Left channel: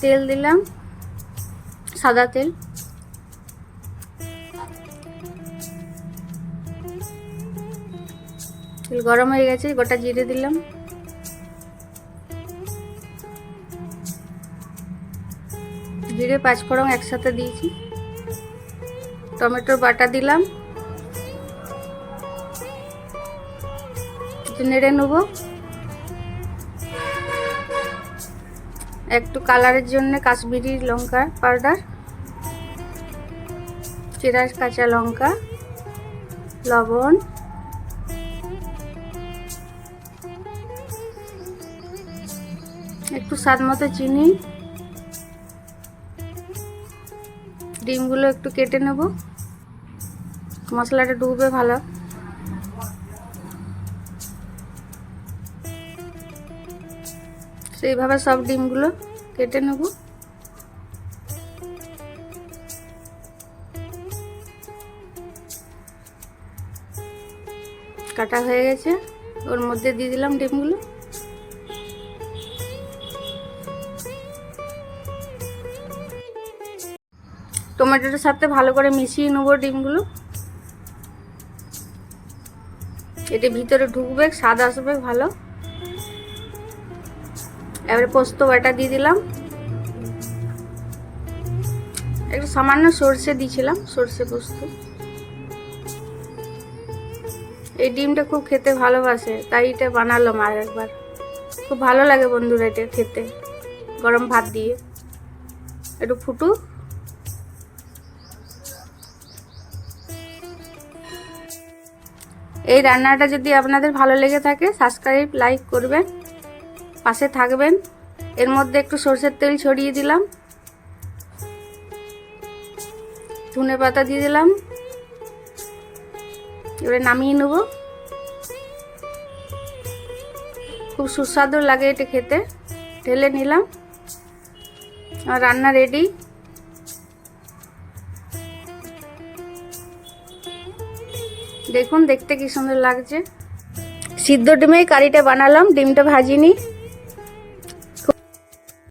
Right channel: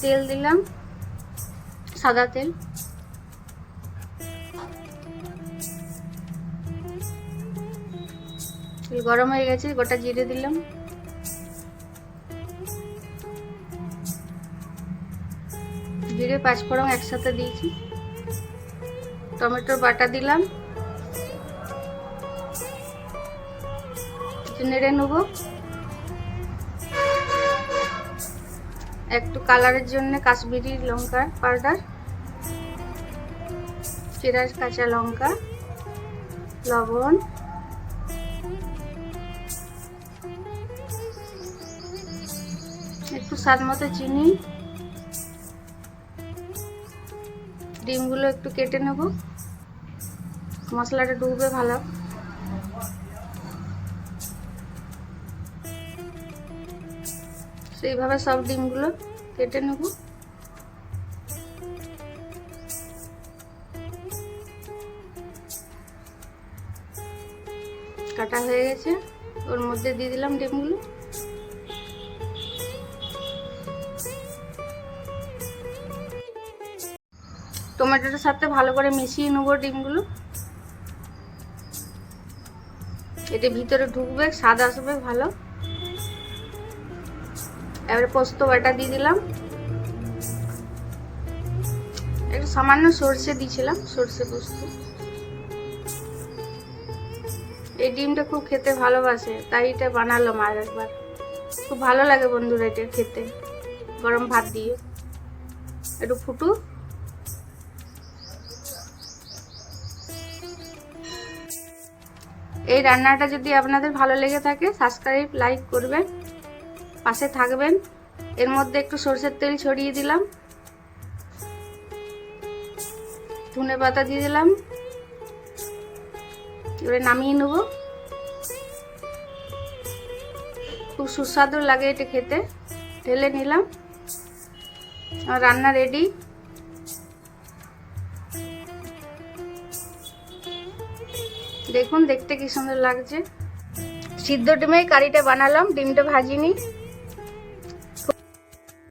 তেল দিলাম, সাদা তেল। তেল গরম হয়ে গেছে, গোটা জিরে দিলাম, জিরে পাঁচফোড়ন একসাথে দিয়েছি। টমেটোর বাটা দিলাম, নেড়ে নেব। একটু কালারের জন্য কাশ্মীরি লঙ্কা পাউডার, চেরা কাঁচা লঙ্কা, লবণ, একটু স্বাদ মতো চিনি, ডিমগুলো একটু কেটে নেব, মশলাটা ডুববে ভালো। সেইভাবে সব ডিমগুলো কেটে নেব। কাটা হয়ে গেছে, ওর মধ্যে দিয়ে দিলাম ডিমগুলো। টমেটোর সাথে ভালো করে মিশিয়ে নেব ডিমগুলো। এটা ভিতরে ঢুকবে, স্বাদ আসবে ভালো। এবারে পোস্ত বাটা দিয়ে দিলাম, একটু সামান্য সর্ষে দিয়েছিলাম, সর্ষে পোস্ত। এই ডিমটা খুব খেতে ভালোবাসে, তাই এটা বানালাম আর একবার। খুব ভালো লাগে বন্ধুরা এটা খেতে, গরম ভাত দিয়ে। একটু ফুটুক। এই রান্নাটা যদি আপনাদের ভালো লেগে থাকে, সাবস্ক্রাইব লাইক করবেন, পাশে থাকবেন। এর মধ্যে একটু সরষের তেল ছড়িয়ে দিলাম, ধনে পাতা দিয়ে দিলাম। এবারে নামিয়ে নেব। খুব সুস্বাদু লাগে এটা খেতে। ঢেলে নিলাম, আর রান্না রেডি। দেখুন দেখতে কি সুন্দর লাগছে। সিদ্ধ ডিমে কারিটা বানালাম, ডিমটা ভাজিনি।